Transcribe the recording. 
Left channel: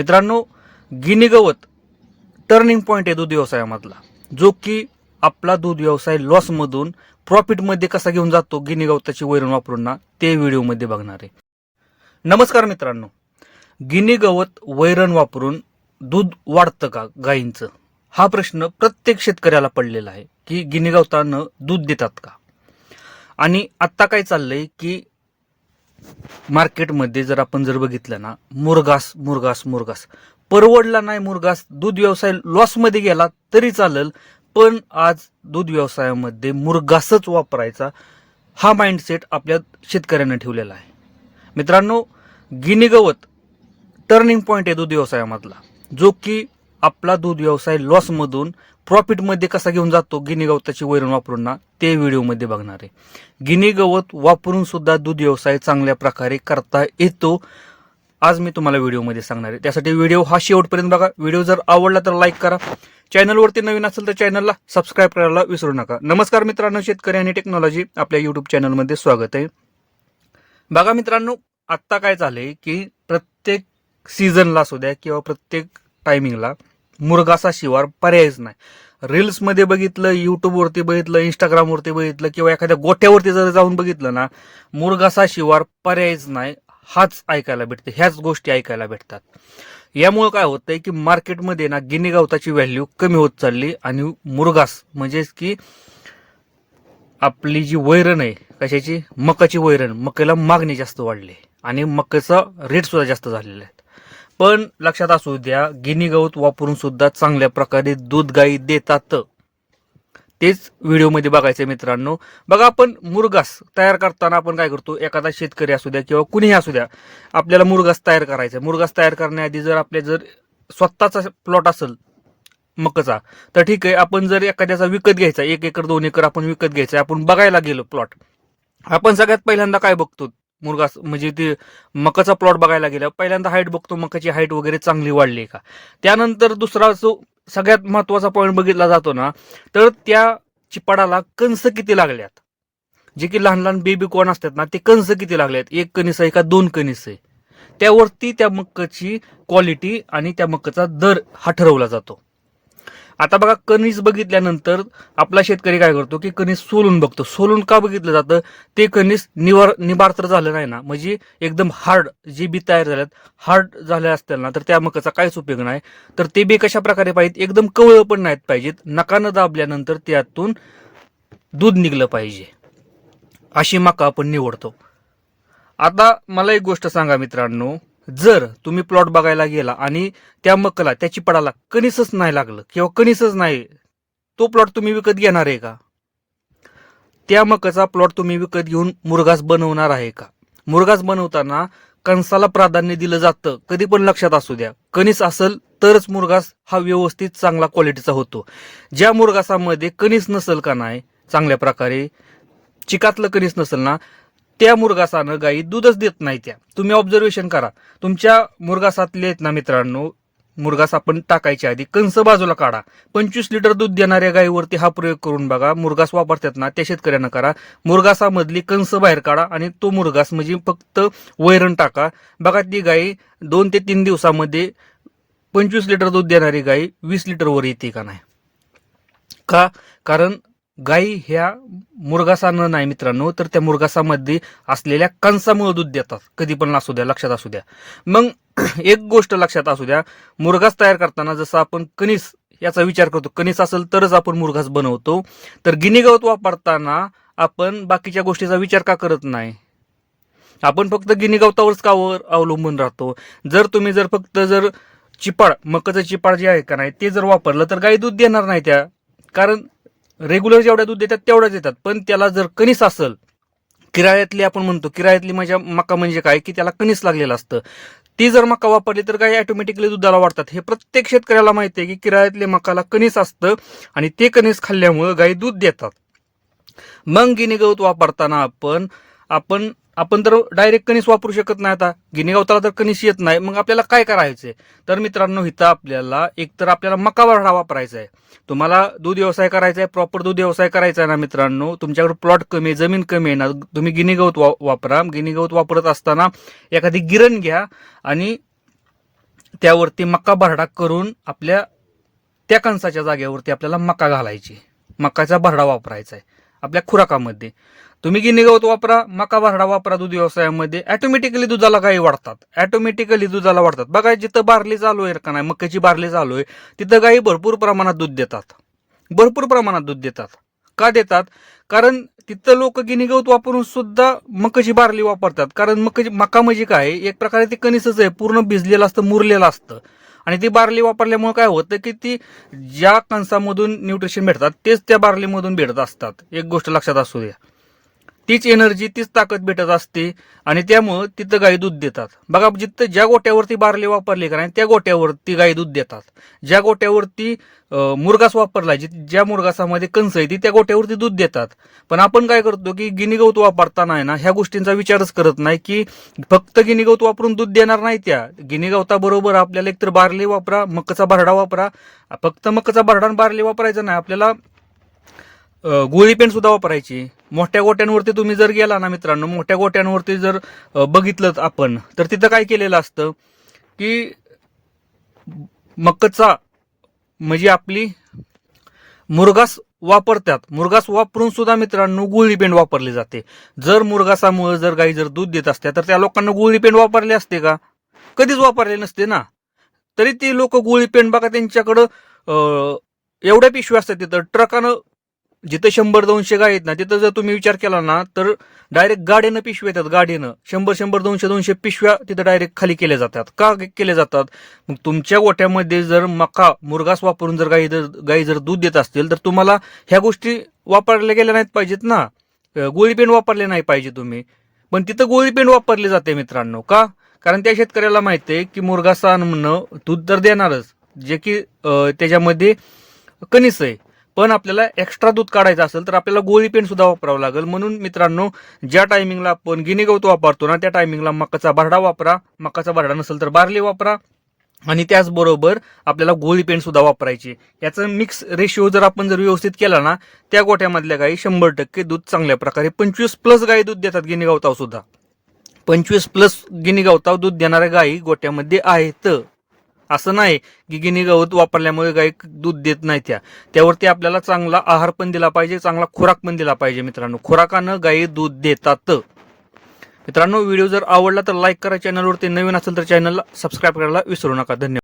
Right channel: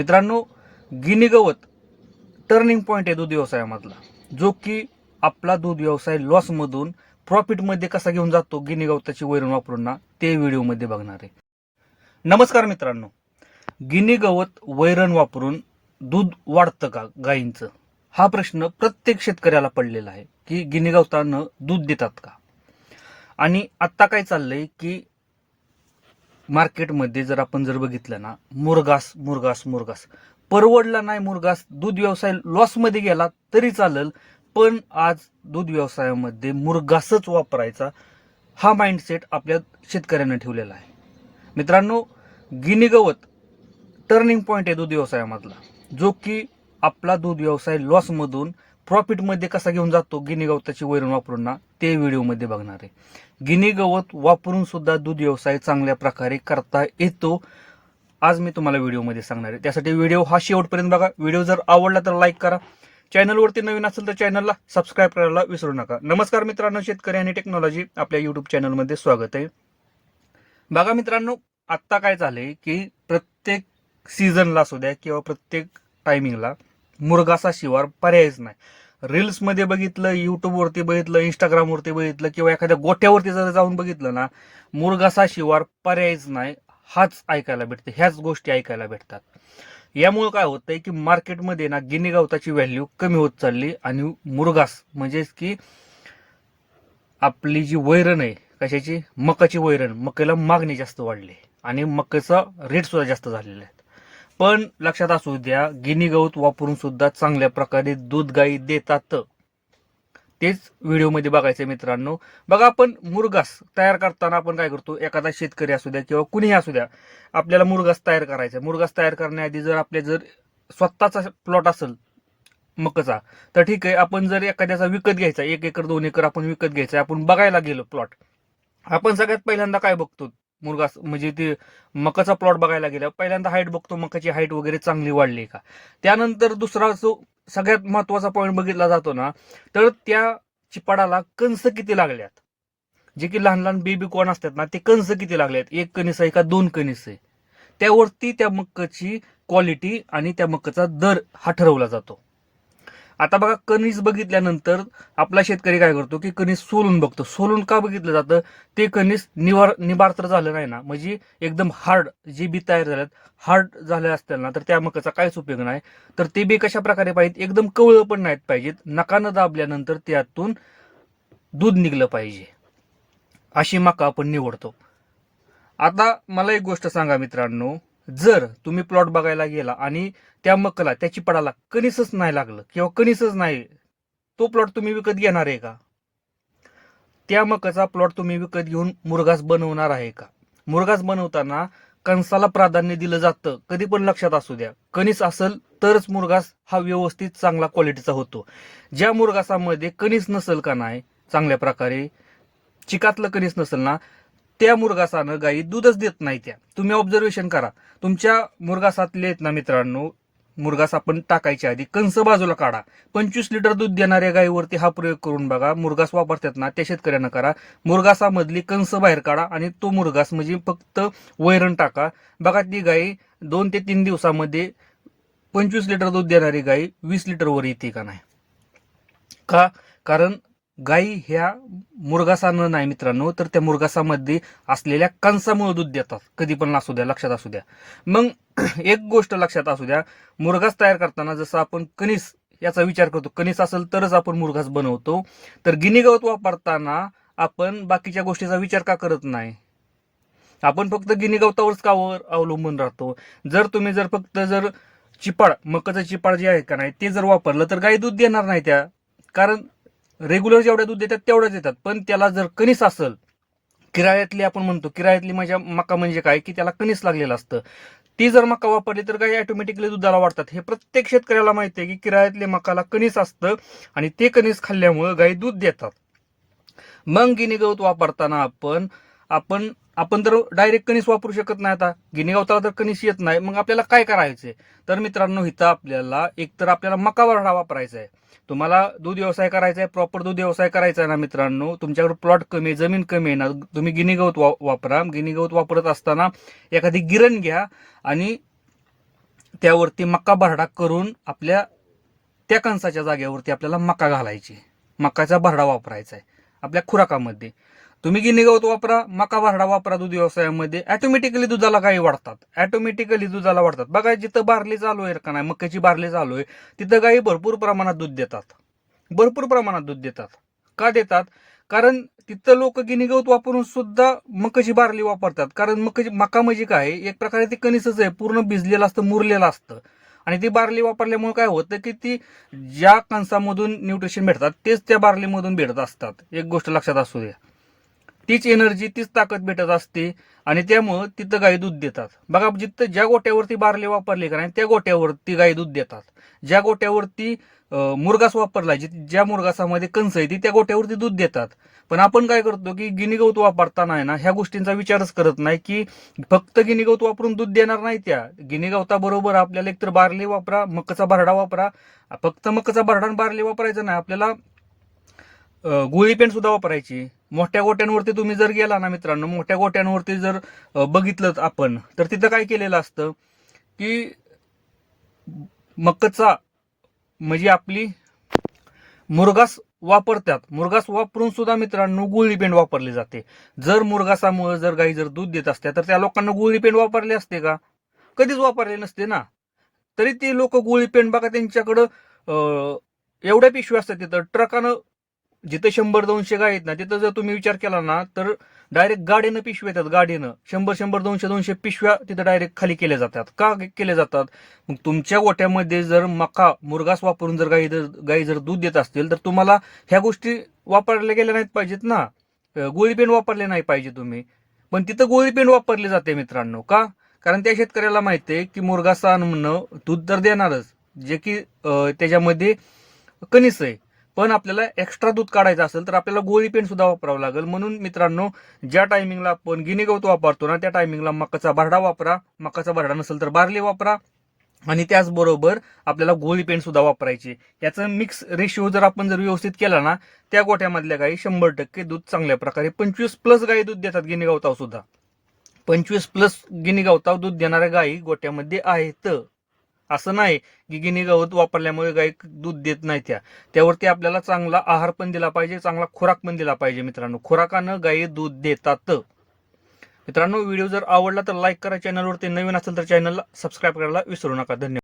मित्रांनो, गिनी गवत turning point आहे दूध व्यवसायामधला, जो की आपला दूध व्यवसाय लॉसमधून प्रॉफिटमध्ये कसा घेऊन जातो गिनी गवताची वैरण वापरून ना, ते व्हिडिओमध्ये बघणार आहे. नमस्कार मित्रांनो, गिनी गवत वैरण वापरून दूध वाढतं का गायींचं, हा प्रश्न प्रत्येक शेतकऱ्याला पडलेला आहे की गिनी गवतानं दूध देतात का. आणि आत्ता काय चाललंय की मार्केटमध्ये जर आपण बघितलं ना, मुरघास मुरघास मुरघास परवडला नाही. मुरघास दूध व्यवसाय लॉसमध्ये गेला तरी चालेल, पण आज दूध व्यवसायामध्ये मुरघासच वापरायचा हा माइंडसेट आपल्या शेतकऱ्यांना ठेवलेला आहे. मित्रांनो, गिनी गवत टर्निंग पॉइंट आहे दूध व्यवसायामधला, जो की आपला दूध व्यवसाय लॉसमधून प्रॉफिटमध्ये कसा घेऊन जातो गिनी गवताची वैरण वापरून ना, ते व्हिडिओमध्ये बघणार आहे. गिनी गवत वापरून सुद्धा दूध व्यवसाय चांगल्या प्रकारे करता येतो, आज मी तुम्हाला व्हिडिओमध्ये सांगणार आहे. त्यासाठी व्हिडिओ हा शेवटपर्यंत बघा. व्हिडिओ जर आवडला तर लाईक करा. चॅनलवरती नवीन असेल तर चॅनलला सबस्क्राईब करायला विसरू नका. नमस्कार मित्रांनो, शेतकरी आणि टेक्नॉलॉजी आपल्या युट्यूब चॅनलमध्ये स्वागत आहे. बघा मित्रांनो, आत्ता काय झालंय की प्रत्येक सीझनला असू द्या किंवा प्रत्येक टायमिंगला मुरघासा शिवार पर्यायच नाही. रील्समध्ये बघितलं, युट्यूबवरती बघितलं, इंस्टाग्रामवरती बघितलं किंवा एखाद्या गोठ्यावरती जर जाऊन बघितलं ना, मुरघासा शिवार पर्यायच नाही, हाच ऐकायला भेटते, ह्याच गोष्टी ऐकायला भेटतात. यामुळे काय होतंय की मार्केटमध्ये ना गिनी गवताची व्हॅल्यू कमी होत चालली आणि मुरघास म्हणजेच की आपली जी वैरण आहे, कशाची, मकाची वैरण, मकेला मागणी जास्त वाढली आणि मक्याचा रेट सुद्धा जास्त झालेला आहे. पण लक्षात असू द्या, गिनी गवत वापरून सुद्धा चांगल्या प्रकारे दूध गायी देतात. तेच व्हिडिओमध्ये बघायचं मित्रांनो. बघा, आपण मुरघास तयार करताना आपण काय करतो, एखादा शेतकरी असू द्या किंवा कुणीही असू द्या, आपल्याला मुरघास तयार करायचा आहे. मुरघास तयार करण्याआधी जर स्वतःचा प्लॉट असेल मकाचा, तर ठीक आहे. आपण जर एखाद्याचा विकत घ्यायचा, 1 एकर 2 एकर आपण विकत घ्यायचा, आपण बघायला गेलो प्लॉट, आपण सगळ्यात पहिल्यांदा काय बघतो, मुरघास म्हणजे ते मकाचा प्लॉट बघायला गेला, पहिल्यांदा हाईट बघतो, मकाची हाईट वगैरे चांगली वाढली का. त्यानंतर दुसरा जो सगळ्यात महत्वाचा पॉईंट बघितला जातो ना, तर त्या चिपाडाला कंस किती लागल्यात, जे की लहान लहान बेबी कॉर्न असतात ना, ते कंस किती लागल्यात, 1 कणीस आहे का 2 कणीस आहे, त्यावरती त्या मकाची क्वालिटी आणि त्या मकाचा दर हा ठरवला जातो. आता बघा, कणीस बघितल्यानंतर आपला शेतकरी काय करतो की कणीस सोलून बघतो. सोलून का बघितलं जातं, ते कणीस निबार तर झालं नाही ना, म्हणजे एकदम हार्ड जे बी तयार झाल्यात, हार्ड झाले असतील ना, तर त्या मकाचा काहीच उपयोग नाही. तर ते बी कशा प्रकारे पाहिजेत, एकदम कवळ पण नाहीत पाहिजेत, नकानं दाबल्यानंतर त्यातून दूध निघलं पाहिजे, अशी मका आपण निवडतो. आता मला एक गोष्ट सांगा मित्रांनो, जर तुम्ही प्लॉट बघायला गेला आणि त्या मकाला, त्या चिपाडाला कणीसच नाही लागलं किंवा कणीसच नाही, तो प्लॉट तुम्ही विकत घेणार आहे का? त्या मकाचा प्लॉट तुम्ही विकत घेऊन मुरघास बनवणार आहे का? मुरघास बनवताना कणसाला प्राधान्य दिलं जातं, कधी पण लक्षात असू द्या. कणीस असेल तरच मुरघास हा व्यवस्थित चांगला क्वालिटीचा होतो. ज्या मुरघासामध्ये कणीस नसेल का नाही, चांगल्या प्रकारे चिकातलं कणीस नसेल ना, त्या मुरघासानं गायी दूधच देत नाही. त्या तुम्ही ऑब्झर्वेशन करा. तुमच्या मुरघासातले आहेत ना मित्रांनो, मुरघास आपण टाकायच्या आधी कंस बाजूला काढा. 25 लिटर दूध देणाऱ्या गायीवरती हा प्रयोग करून बघा. मुरघास वापरतात ना त्या शेतकऱ्यांना करा. मुरघासामधली कंस बाहेर काढा आणि तो मुरघास म्हणजे फक्त वैरण टाका. बघा, ती गायी 2 ते 3 दिवसामध्ये 25 लिटर दूध देणारी गायी 20 लिटरवर येते का नाही. का? कारण गायी ह्या मुरघासानं नाही मित्रांनो, तर त्या मुरघासामध्ये असलेल्या कंसामुळे दूध देतात. कधी पण असू द्या, लक्षात असू द्या. मग एक गोष्ट लक्षात असू द्या, मुरघास तयार करताना जसं आपण कणीस याचा विचार करतो, कणीस असेल तरच आपण मुरघास बनवतो, तर गिनी गवत वापरताना आपण बाकीच्या गोष्टीचा विचार का करत नाही? आपण फक्त गिनी गवतावरच का अवलंबून राहतो? तुम्ही फक्त चिपाड, मकाचं चिपाड जे आहे का नाही, ते जर वापरलं तर गाई दूध देणार नाही त्या. कारण रेग्युलर जेवढ्या दूध देतात तेवढ्याच देतात. पण त्याला जर कणीस असेल, किरायातली आपण म्हणतो, किरायातली मका म्हणजे काय की त्याला कणीस लागलेलं असतं, ती जर मका वापरली तर गाई ऑटोमॅटिकली दुधाला वाढतात. हे प्रत्येक शेतकऱ्याला माहिती आहे की किरायातल्या मकाला कणीस असतं आणि ते कणीस खाल्ल्यामुळे गाई दूध देतात. मग गिनी गवत वापरताना आपण आपण आपण तर डायरेक्ट कणीस वापरू शकत नाही. आता गिनी गवताला तर कणीस येत नाही, मग आपल्याला काय करायचंय? तर मित्रांनो, इथं आपल्याला एकतर आपल्याला मका वाढा वापरायचा आहे. तुम्हाला दूध व्यवसाय करायचा आहे, प्रॉपर दूध व्यवसाय करायचा आहे ना मित्रांनो, तुमच्याकडे प्लॉट कमी आहे, जमीन कमी आहे ना, तुम्ही गिनी गवत वापरा. गिनी गवत वापरत असताना एखादी गिरण घ्या आणि त्यावरती मका भरडा करून आपल्या त्या कणसाच्या जागेवरती आपल्याला मका घालायची, मकाचा भरडा वापरायचा आहे आपल्या खुराकामध्ये. तुम्ही गिनी गवत वापरा, मका भरडा वापरा दूध व्यवसायामध्ये, ऑटोमॅटिकली दुधाला गायी वाढतात, ऑटोमॅटिकली दुधाला वाढतात. बघा जिथं बारली चालू आहे का नाही, मक्याची बारली चालू आहे, तिथं गायी भरपूर प्रमाणात दूध देतात, भरपूर प्रमाणात दूध देतात. का देतात? कारण तिथं लोक गिनी गवत वापरून सुद्धा मकाची बारली वापरतात. कारण मका म्हणजे काय, एक प्रकारे ते कणीसच आहे, पूर्ण भिजलेलं असतं, मुरलेलं असतं. आणि ती बारली वापरल्यामुळे काय होतं की ती ज्या कणसामधून न्यूट्रिशन भेटतात तेच त्या बारलीमधून भेटत असतात. एक गोष्ट लक्षात असू द्या, तीच एनर्जी, तीच ताकद भेटत असते आणि त्यामुळं तिथं गाई दूध देतात. बघा जिथं ज्या गोट्यावरती बारली वापरली का नाही त्या गोट्यावरती गाई दूध देतात. ज्या गोट्यावरती मुरगास वापरला, ज्या मुरगासामध्ये कणस आहे ती त्या गोट्यावरती दूध देतात. पण आपण काय करतो की गिनी गवत वापरताना आहे ना ह्या गोष्टींचा विचारच करत नाही की फक्त गिनी गवत वापरून दूध देणार नाही. त्या गिनी गवताबरोबर आपल्याला एकतर बारली वापरा, मकाचा भरडा वापरा. फक्त मकाचा भरडा आणि बारली वापरायचं नाही, आपल्याला गोळी पेंड सुद्धा वापरायची. मोठ्या गोट्यांवरती तुम्ही जर गेला ना मित्रांनो, मोठ्या गोट्यांवरती जर बघितलं आपण तर तिथं काय केलेलं असतं की मकाचा म्हणजे आपली मुरगास वापरतात, मुरगास वापरून सुद्धा मित्रांनो गुळी पेंड वापरली जाते. जर मुरगासामुळे जर गाई जर दूध देत असते तर त्या लोकांना गुळी पेंड वापरले असते का? कधीच वापरले नसते ना. तरी ती लोक गुळी पेंड बघा त्यांच्याकडं एवढ्या पिशव्या असतात, तिथं ट्रकानं जिथं 100-200 गाय आहेत ना तिथं जर तुम्ही विचार केला ना तर डायरेक्ट गाडीनं पिशव्या येतात, गाडीनं 100-200 पिशव्या तिथं डायरेक्ट खाली केल्या जातात. का केले जातात? मग तुमच्या गोठ्यामध्ये जर मका मुरगास वापरून जर गाई जर दूध देत असतील तर तुम्हाला ह्या गोष्टी वापरल्या गेल्या नाहीत पाहिजेत ना, गोळी पेंड वापरले नाही पाहिजे तुम्ही. पण तिथं गोळी पेंड वापरली जाते मित्रांनो. का? कारण त्या शेतकऱ्याला माहिती आहे की मुरगासा म्हणणं दूध तर देणारच, जे की त्याच्यामध्ये कणीस आहे, पण आपल्याला एक्स्ट्रा दूध काढायचं असेल तर आपल्याला गोळी पेंड सुद्धा वापरावं लागेल. म्हणून मित्रांनो ज्या टायमिंगला आपण गिनी गवत वापरतो ना त्या टायमिंगला मकाचा भरडा वापरा, मकाचा भरडा नसेल तर बारली वापरा आणि त्याचबरोबर आपल्याला गोळी पेंड सुद्धा वापरायची. याचा मिक्स रेशिओ जर आपण जर व्यवस्थित केला ना त्या गोठ्यामधल्या गायी 100% दूध चांगल्या प्रकारे 25+ गायी दूध देतात गिनी गवताव सुद्धा. 25+ गिनी गवताव दूध देणाऱ्या गायी गोट्यामध्ये आहेत. असं नाही की गिनी गवत वापरल्यामुळे गाई दूध देत नाही. त्यावरती आपल्याला चांगला आहार पण दिला पाहिजे, चांगला खुराक पण दिला पाहिजे मित्रांनो. खुराकानं गायी दूध देतात. मित्रांनो व्हिडिओ जर आवडला तर लाईक करा, चॅनलवरती नवीन असेल तर चॅनलला सबस्क्राईब करायला विसरू नका. धन्यवाद.